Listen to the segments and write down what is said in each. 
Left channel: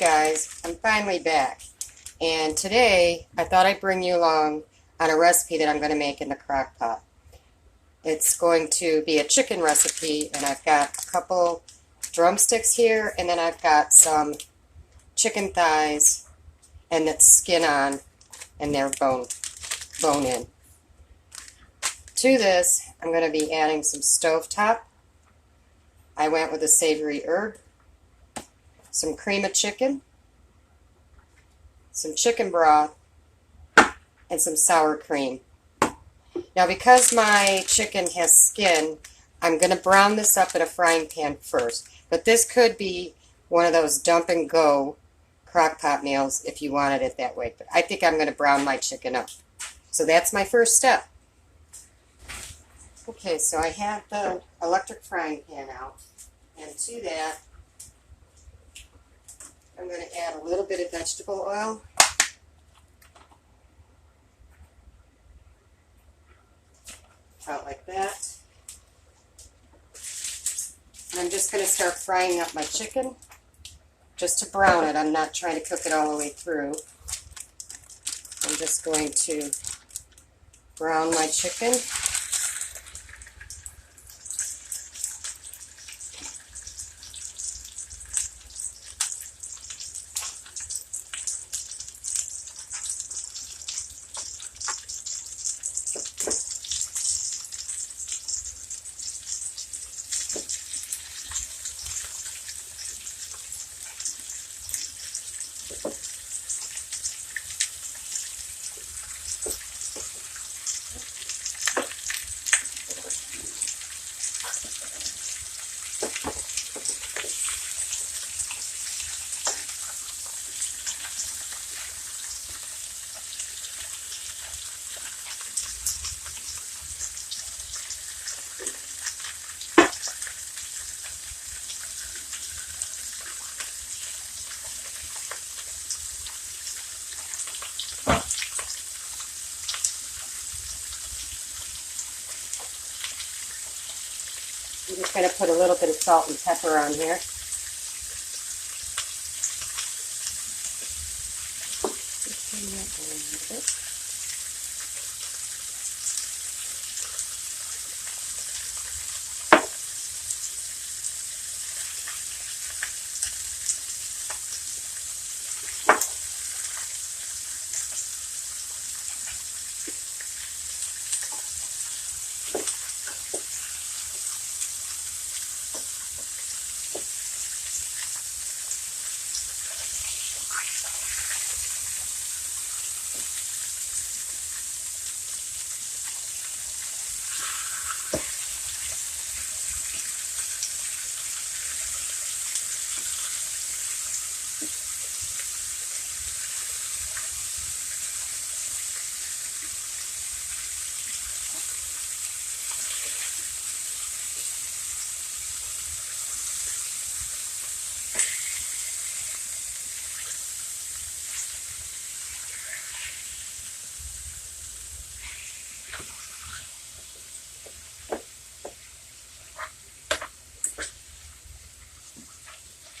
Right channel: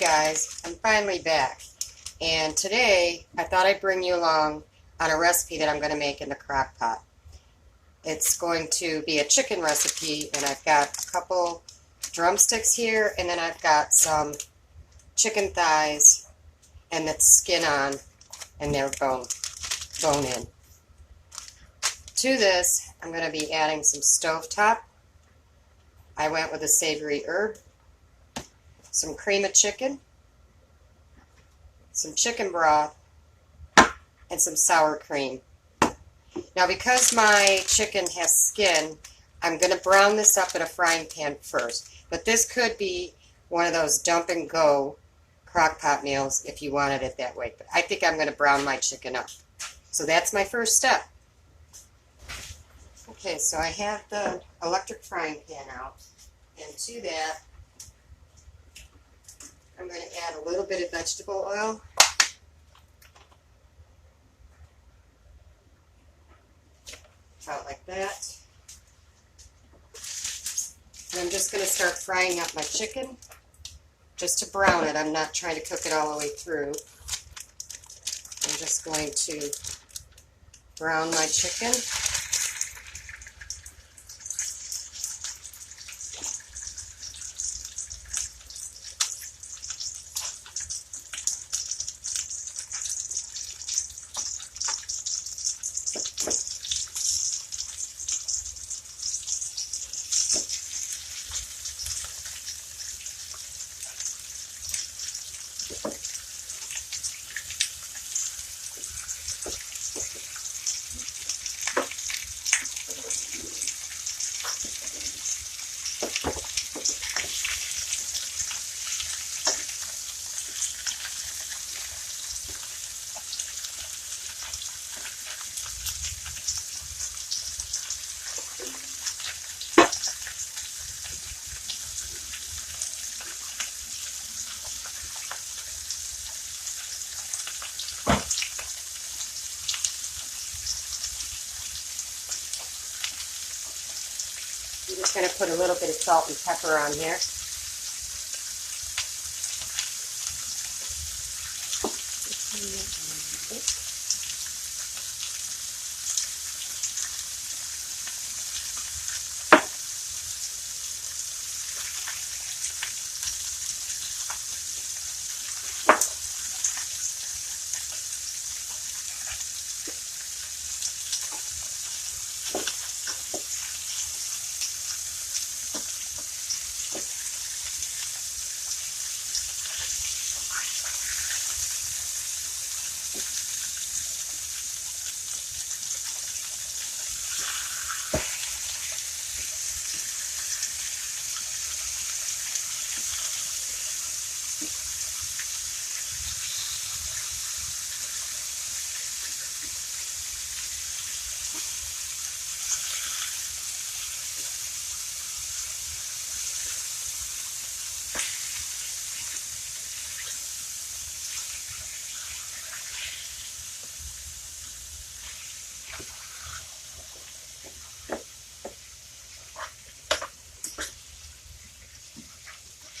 guys, I'm finally back, and today I thought I'd bring you along on a recipe that I'm going to make in the crock pot. It's going to be a chicken recipe, and I've got a couple drumsticks here, and then I've got some chicken thighs and the skin on and they're bone in. To this, I'm going to be adding some stovetop. I went with a savory herb, some cream of chicken, some chicken broth, and some sour cream. Now, because my chicken has skin, I'm going to brown this up in a frying pan first. But this could be one of those dump and go crock pot meals if you wanted it that way. But I think I'm going to brown my chicken up. So that's my first step. Okay, so I have the electric frying pan out. And to that, I'm going to add a little bit of vegetable oil. About like that. And I'm just going to start frying up my chicken just to brown it. I'm not trying to cook it all the way through. I'm just going to brown my chicken. I'm just going to put a little bit of salt and pepper on here.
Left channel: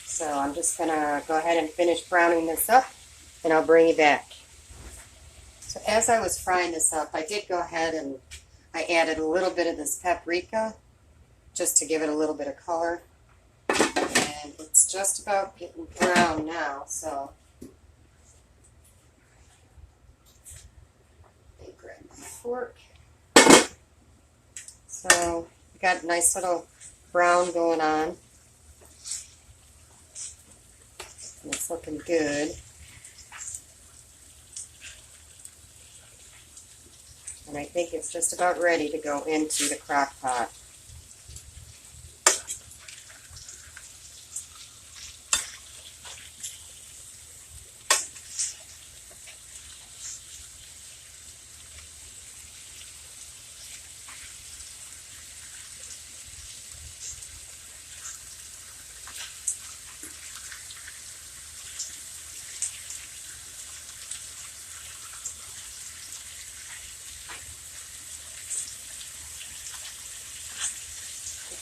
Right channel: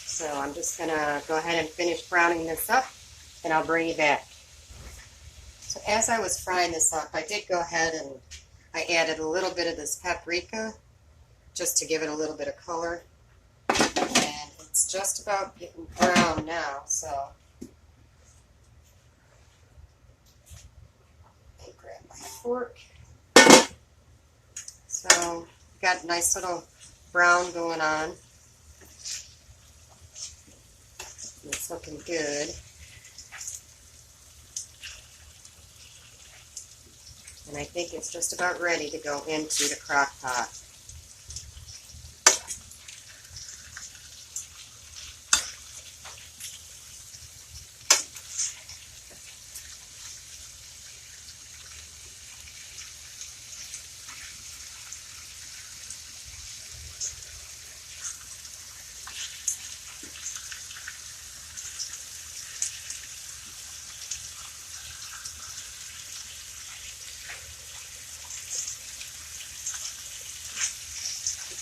So I'm just going to go ahead and finish browning this up, and I'll bring you back. So as I was frying this up, I did go ahead and I added a little bit of this paprika just to give it a little bit of color. And it's just about getting brown now, so let me grab my fork. So we got a nice little brown going on. It's looking good. And I think it's just about ready to go into the crock pot.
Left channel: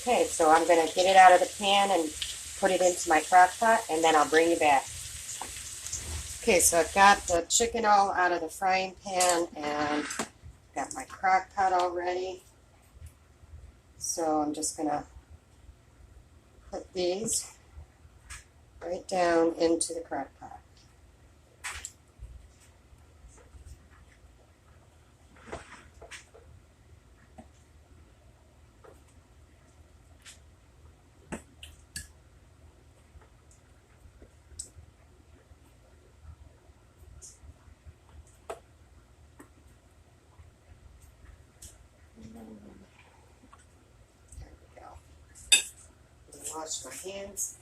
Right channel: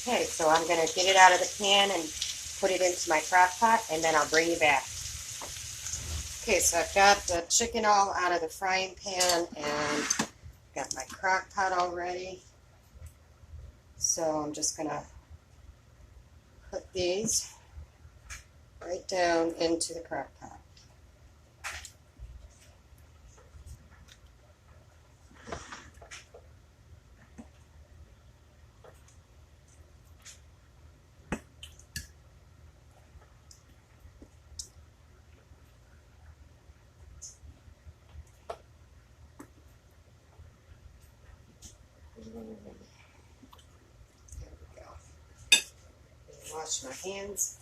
Okay, so I'm going to get it out of the pan and put it into my crock pot, and then I'll bring you back. Okay, so I've got the chicken all out of the frying pan and got my crock pot all ready. So I'm just going to put these right down into the crock pot. There we go. Wash my hands.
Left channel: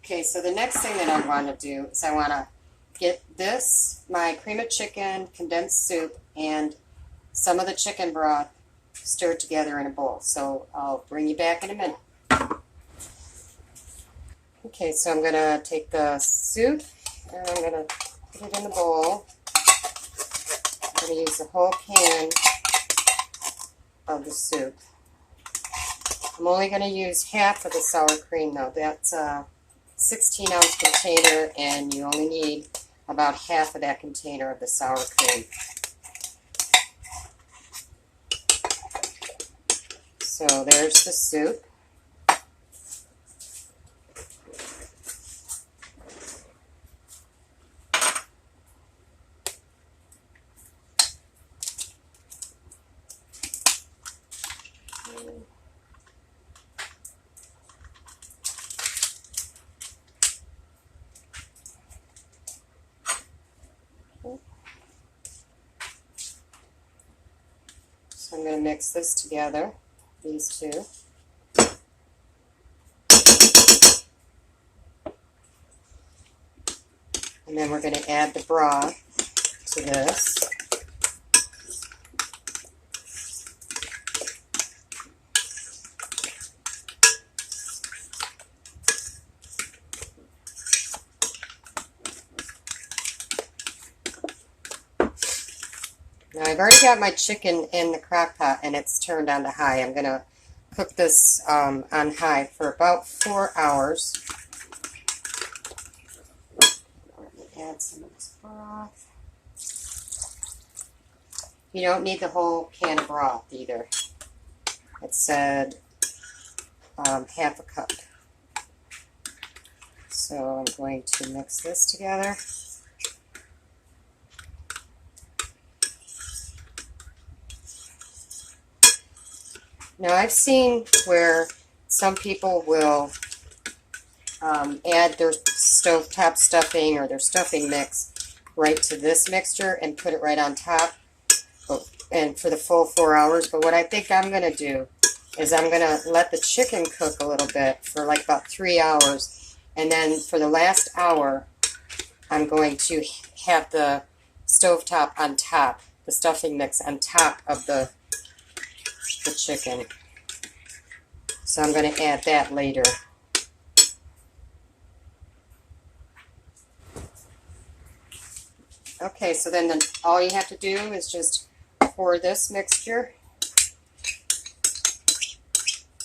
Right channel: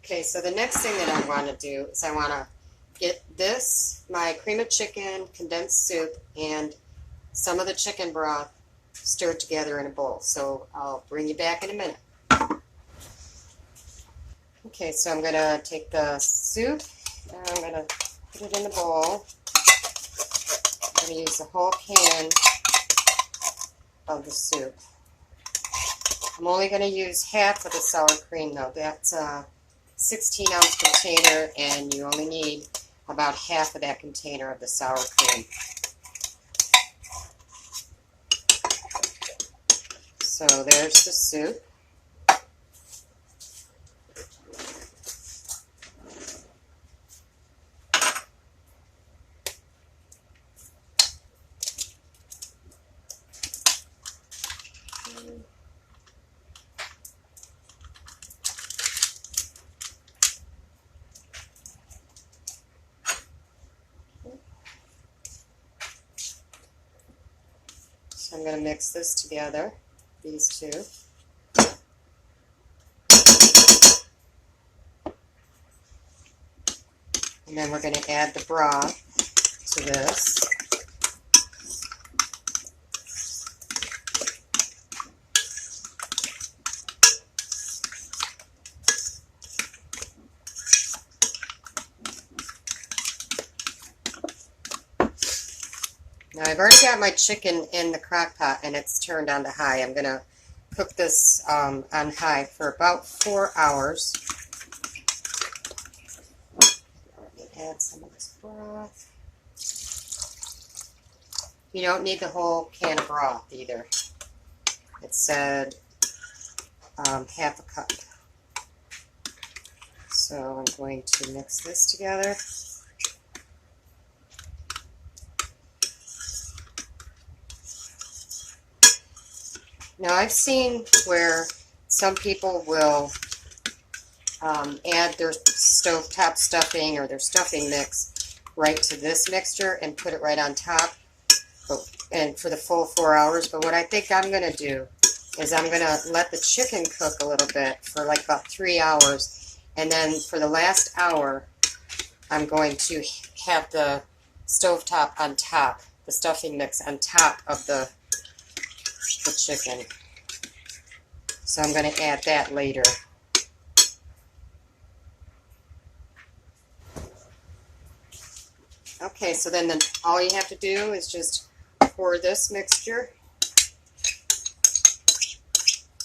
Okay, so the next thing that I want to do is I want to get this, my cream of chicken, condensed soup, and some of the chicken broth stirred together in a bowl. So I'll bring you back in a minute. Okay, so I'm going to take the soup and I'm going to put it in the bowl. I'm going to use the whole can of the soup. I'm only going to use half of the sour cream though. That's a 16-ounce container and you only need about half of that container of the sour cream. So there's the soup. So I'm going to mix this together, these two. And then we're going to add the broth to this. Now I've already got my chicken in the crock pot and it's turned on to high. I'm going to cook this on high for about 4 hours. Let me add some of this broth. You don't need the whole can of broth either. It said half a cup. So I'm going to mix this together. Now I've seen where some people will add their stovetop stuffing or their stuffing mix right to this mixture and put it right on top and for the full 4 hours. But what I think I'm going to do is I'm going to let the chicken cook a little bit for like about 3 hours, and then for the last hour I'm going to have the stovetop on top, the stuffing mix on top of the chicken. So I'm going to add that later. Okay, so then all you have to do is just pour this mixture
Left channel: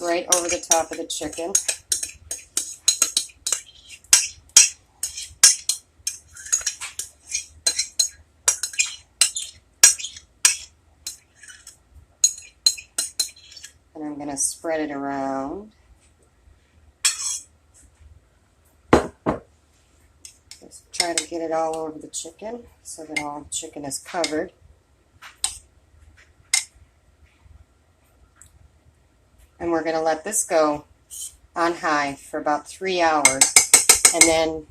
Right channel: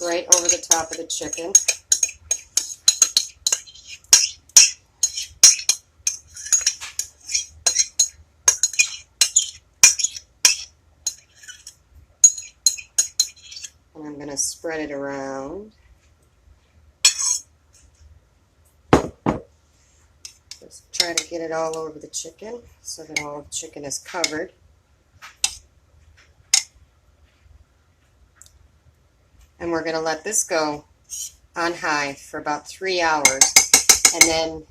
right over the top of the chicken. And I'm going to spread it around. Just try to get it all over the chicken so that all the chicken is covered. And we're going to let this go on high for about 3 hours. And then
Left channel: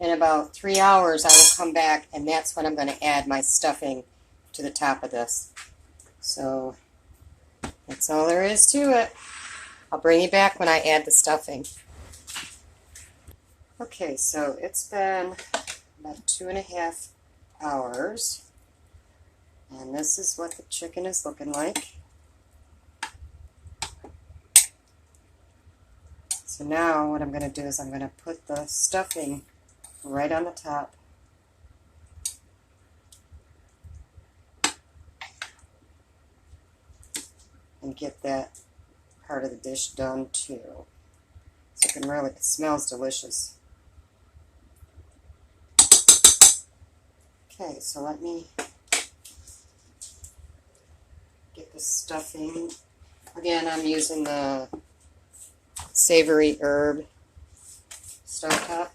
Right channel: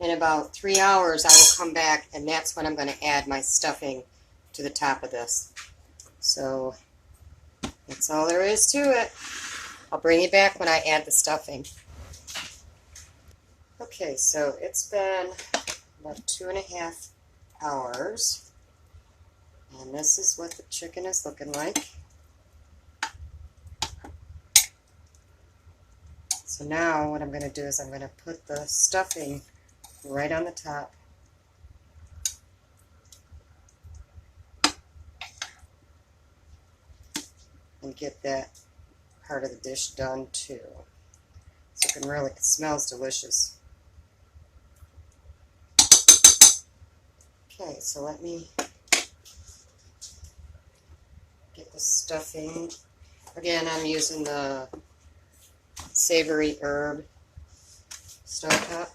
in about 3 hours I will come back and that's when I'm going to add my stuffing to the top of this. So that's all there is to it. I'll bring you back when I add the stuffing. Okay, so it's been about 2.5 hours. And this is what the chicken is looking like. So now what I'm going to do is I'm going to put the stuffing right on the top. And get that part of the dish done too. So it can really, it smells delicious. Okay, so let me get the stuffing. Again, I'm using the savory herb stovetop.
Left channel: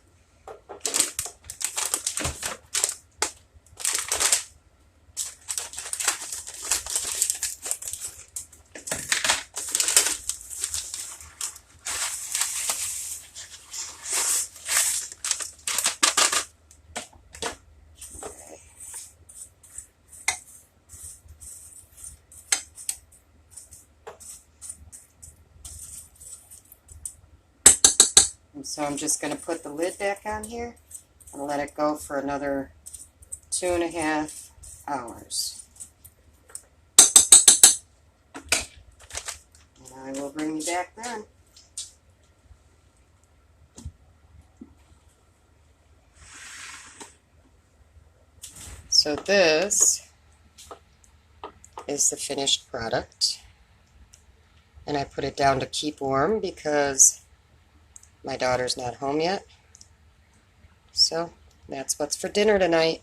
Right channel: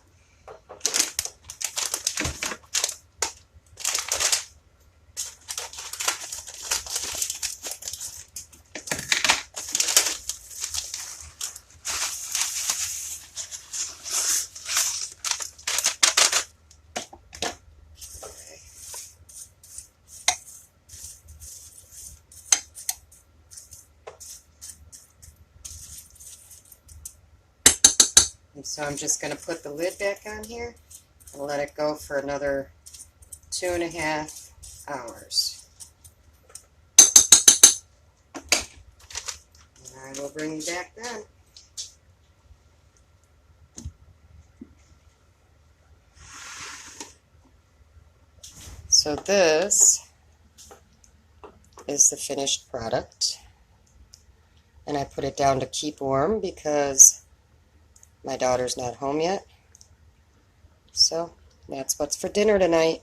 And so I'm just going to put the lid back on here and let it go for another 2.5 hours. And I will bring you back then. So this is the finished product. And I put it down to keep warm because my daughter's not home yet. So that's what's for dinner tonight.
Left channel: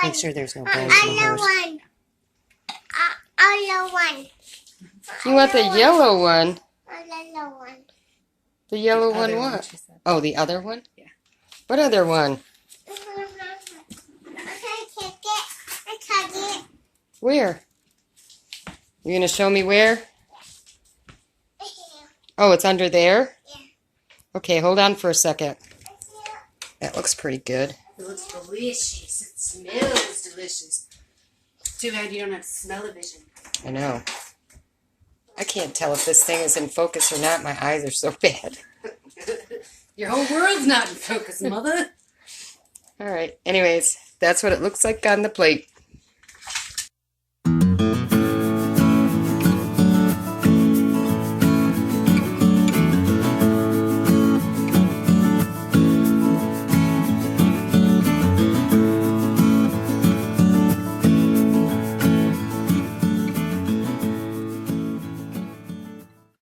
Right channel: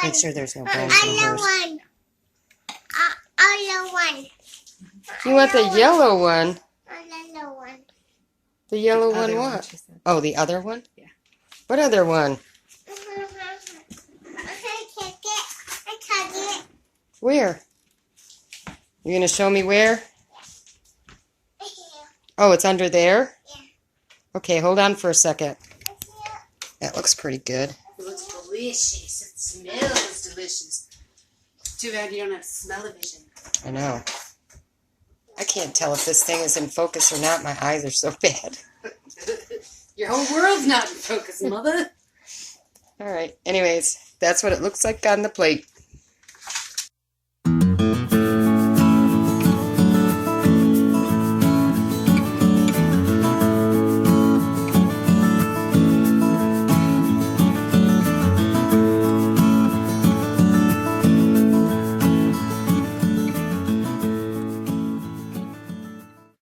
Make sure there's no bones in hers. You want the yellow one? The yellow one what? Oh, the other one? Yeah. What other one? Where? You gonna show me where? Oh, it's under there? Yeah. Okay, hold on for a second. That looks pretty good. It looks delicious. It smells delicious. Too bad you don't have smell-o-vision. I know. I can't tell if this thing is in focus or not. My eyes are so bad. Your whole world's not in focus, mother. All right. Anyways, that's what it looks like on the plate.